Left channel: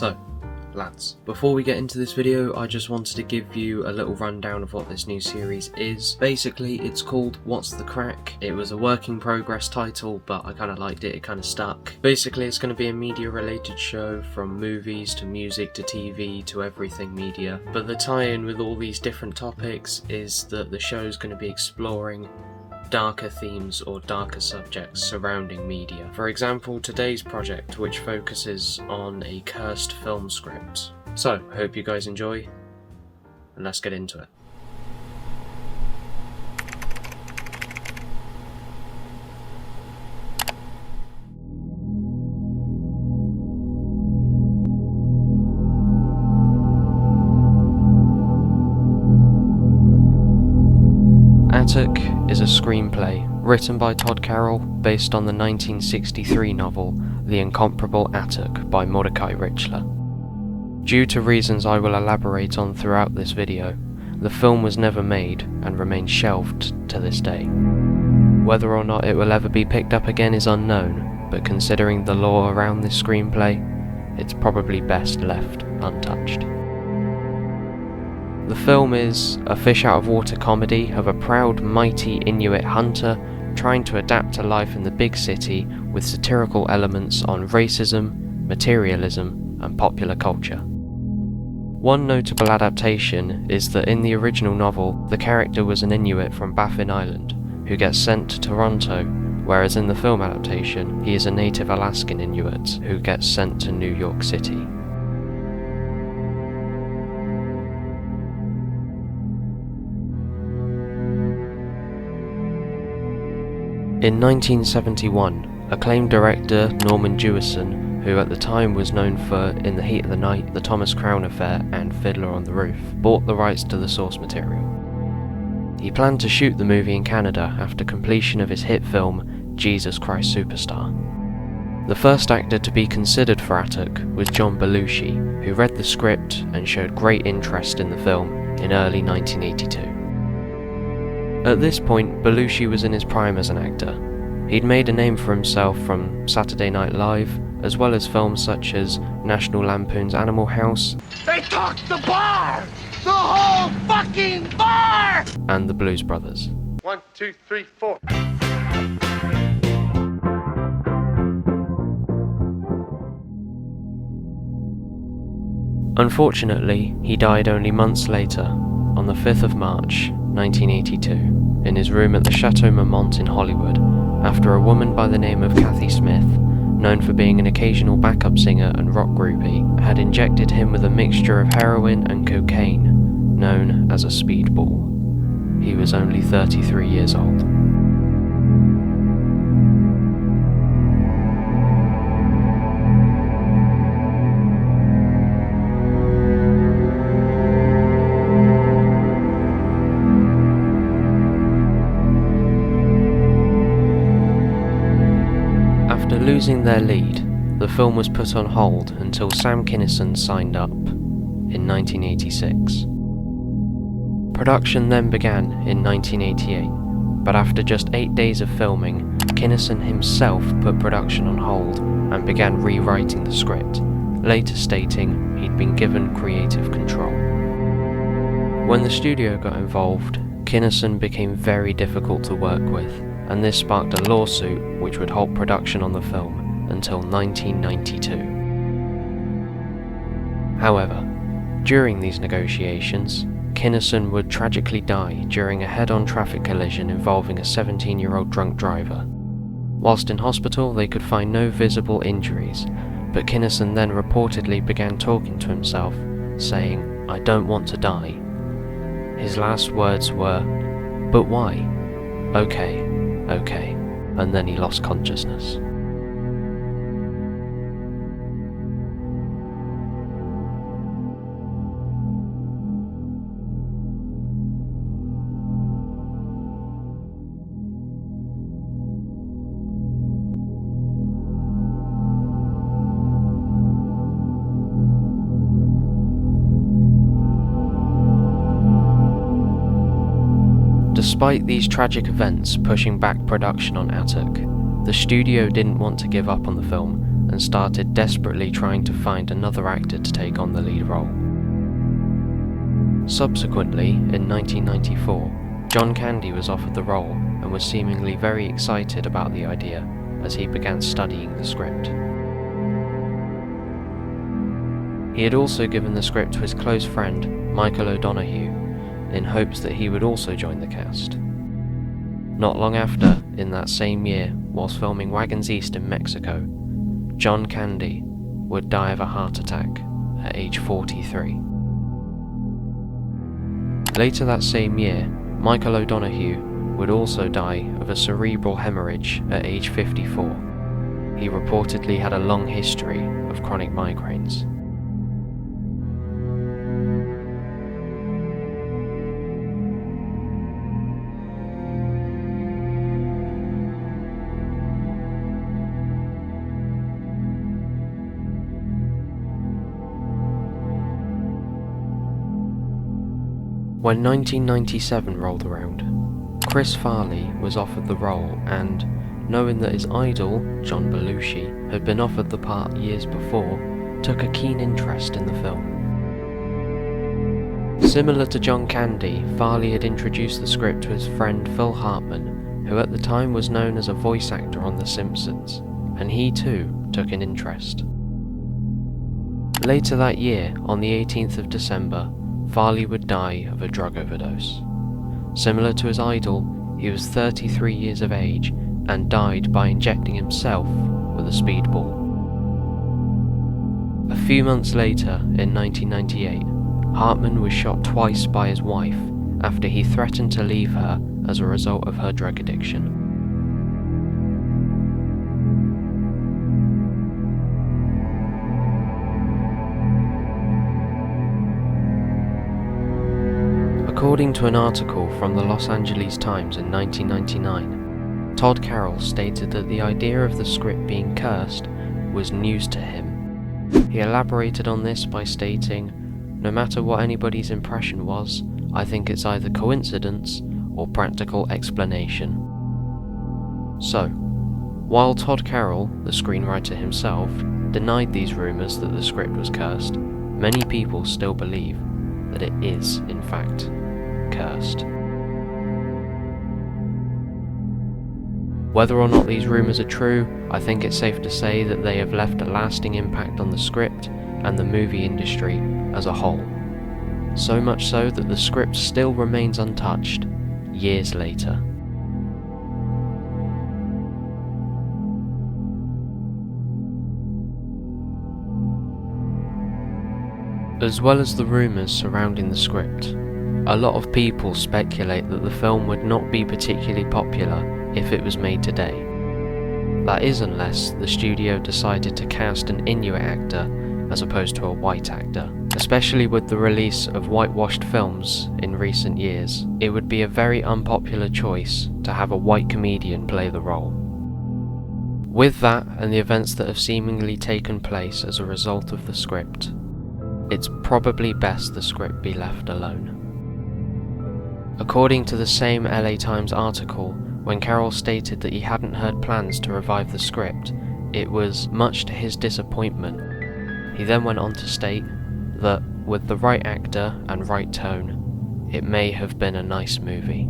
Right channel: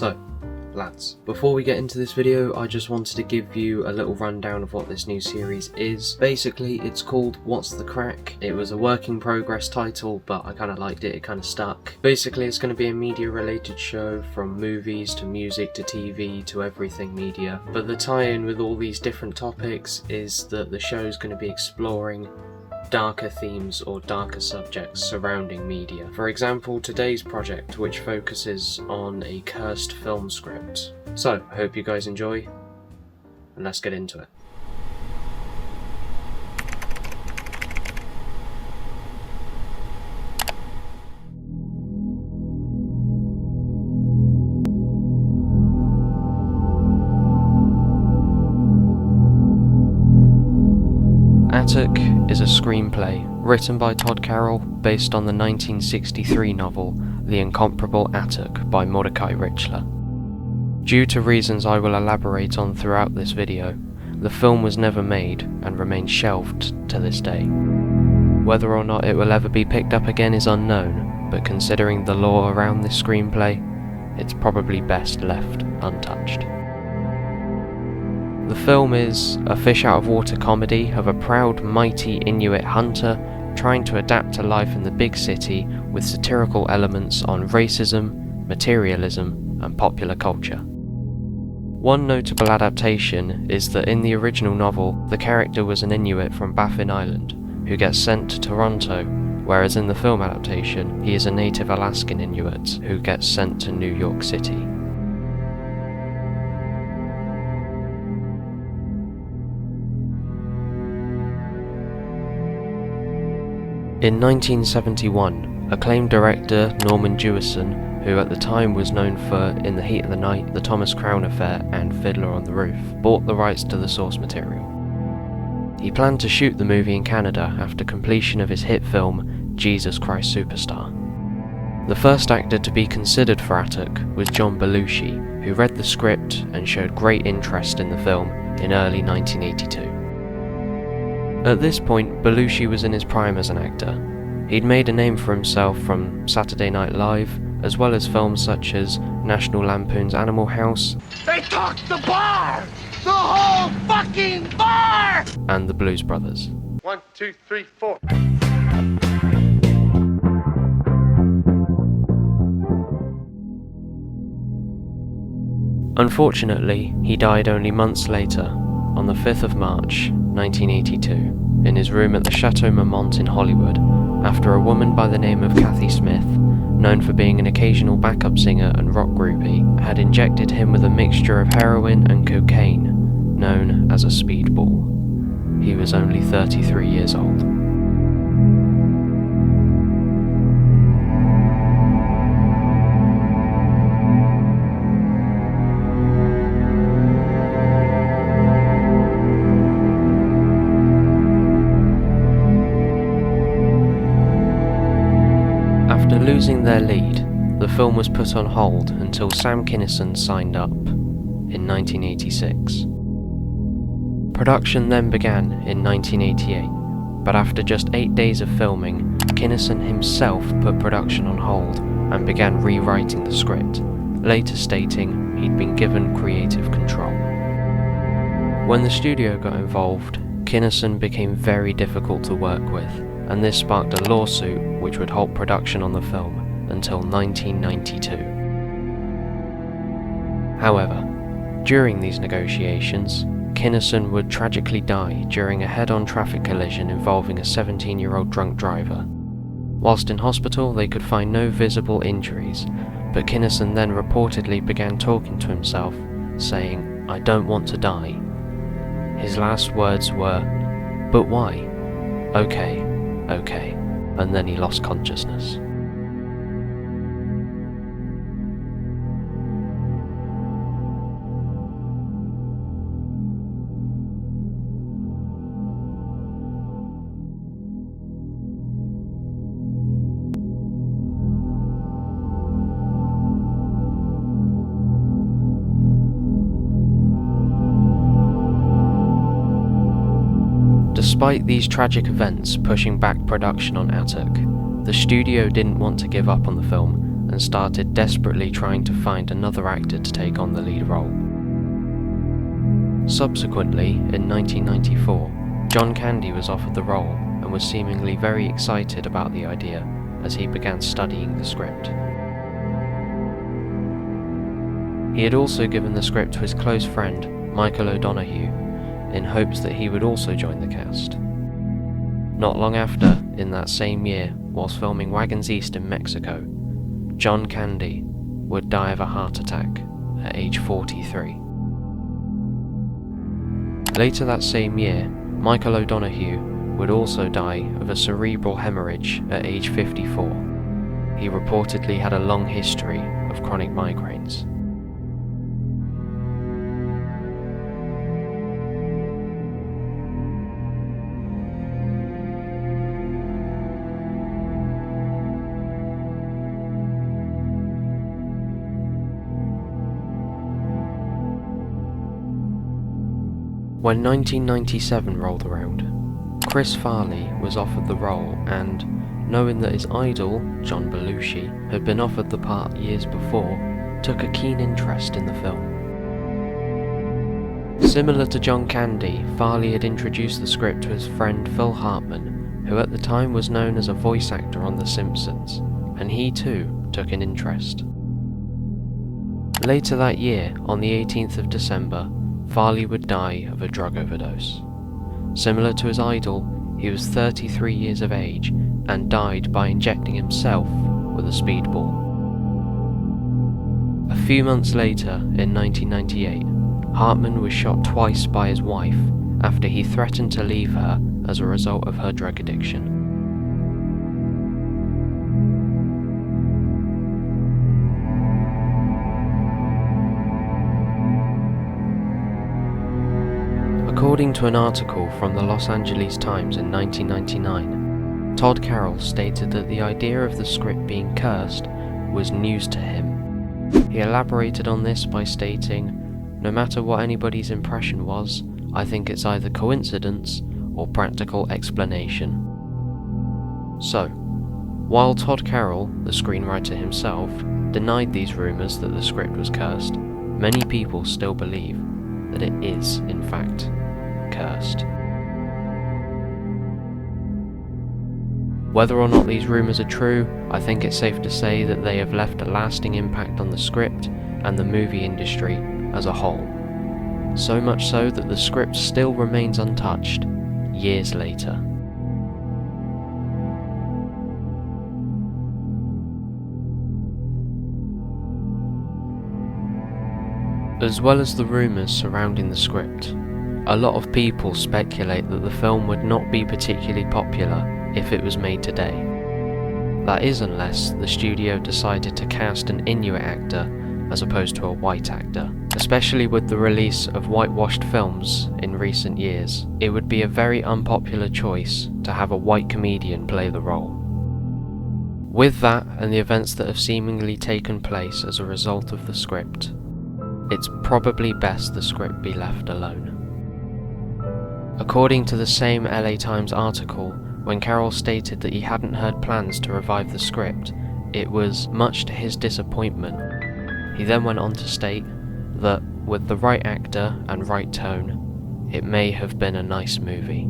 So, lads, before we get into this video, I just wanted to give you a little rundown of what this new series is. Basically, it's called What's the Crack? It was a work in progress title, but I kind of liked it, it kind of stuck. Basically, it's going to be a media related show, from movies to music to TV to everything media. But the tie-in with all these different topics is that the show is going to be exploring darker themes or darker subjects surrounding media. For example, today's project, which focuses on a cursed film script. So, I hope you guys enjoy, and let's get into it. Atuk is a screenplay written by Toddroll based on the 1963 novel The Incomparable Atuk by Mordecai Richler. Due to reasons I will elaborate on throughout this video, the film was never made and remains shelved to this day. Whether or not it will ever be picked up again is unknown, but considering the lore around this screenplay, it's probably best left untouched. The film is a fish-out-of-water comedy of a proud, mighty Inuit hunter trying to adapt to life in the big city with satirical elements on racism, materialism, and popular culture. One notable adaptation is that in the original novel, the character was an Inuit from Baffin Island who gets sent to Toronto, whereas in the film adaptation, he is a native Alaskan Inuit who gets sent to New York City. In 1971, acclaimed director Norman Jewison, who at the time was known for In the Heat of the Night, The Thomas Crown Affair and Fiddler on the Roof, bought the rights to the source material. He planned to shoot the movie in Canada after completion of his hit film Jesus Christ Superstar. The first actor to be considered for Atuk was John Belushi, who read the script and showed great interest in the film in early 1982. At this point, Belushi was in his prime as an actor. He'd made a name for himself from Saturday Night Live, as well as films such as National Lampoon's Animal House, They took the bar! The whole fucking bar! and The Blues Brothers. 1, 2, 3, 4. Unfortunately, he died only months later, on the 5th of March, 1982, in his room at the Chateau Marmont in Hollywood, after a woman by the name of Kathy Smith, known for being an occasional backup singer and rock groupie, had injected him with a mixture of heroin and cocaine, known as a speedball. He was only 33 years old. After losing their lead, the film was put on hold until Sam Kinnison signed up in 1986. Production then began in 1988, but after just 8 days of filming, Kinnison himself put production on hold and began rewriting the script, later stating he'd been given creative control. When the studio got involved, Kinnison became very difficult to work with, and this sparked a lawsuit which would halt production on the film until 1992. However, during these negotiations, Kinnison would tragically die during a head-on traffic collision involving a 17-year-old drunk driver. Whilst in hospital, they could find no visible injuries, but Kinnison then reportedly began talking to himself, saying, "I don't want to die." His last words were, "But why? Okay, okay," and then he lost consciousness. Despite these tragic events pushing back production on Atuk, the studio didn't want to give up on the film and started desperately trying to find another actor to take on the lead role. Subsequently, in 1994, John Candy was offered the role and was seemingly very excited about the idea as he began studying the script. He had also given the script to his close friend, Michael O'Donoghue, in hopes that he would also join the cast. Not long after, in that same year, whilst filming Wagons East in Mexico, John Candy would die of a heart attack at age 43. Later that same year, Michael O'Donoghue would also die of a cerebral hemorrhage at age 54. He reportedly had a long history of chronic migraines. When 1997 rolled around, Chris Farley was offered the role and, knowing that his idol, John Belushi, had been offered the part years before, took a keen interest in the film. Similar to John Candy, Farley had introduced the script to his friend Phil Hartman, who at the time was known as a voice actor on The Simpsons, and he too took an interest. Later that year, on the 18th of December, Farley would die of a drug overdose. Similar to his idol, he was 33 years of age and died by injecting himself with a speedball. A few months later, in 1998, Hartman was shot twice by his wife after he threatened to leave her as a result of her drug addiction. According to an article from the Los Angeles Times in 1999, Todd Carroll stated that the idea of the script being cursed was news to him. He elaborated on this by stating, "No matter what anybody's impression was, I think it's either coincidence or practical explanation." So, while Todd Carroll, the screenwriter himself, denied these rumours that the script was cursed, many people still believe that it is, in fact, cursed. Whether or not these rumours are true, I think it's safe to say that they have left a lasting impact on the script and the movie industry as a whole. So much so that the script still remains untouched years later. As well as the rumours surrounding the script, a lot of people speculate that the film would not be particularly popular if it was made today. That is, unless the studio decided to cast an Inuit actor as opposed to a white actor. Especially with the release of whitewashed films in recent years, it would be a very unpopular choice to have a white comedian play the role. With that and the events that have seemingly taken place as a result of the script, it's probably best the script be left alone. According to the same LA Times article, when Carroll stated that he hadn't heard plans to revive the script, it was much to his disappointment. He then went on to state that, with the right actor and right tone, it may have been a nice movie.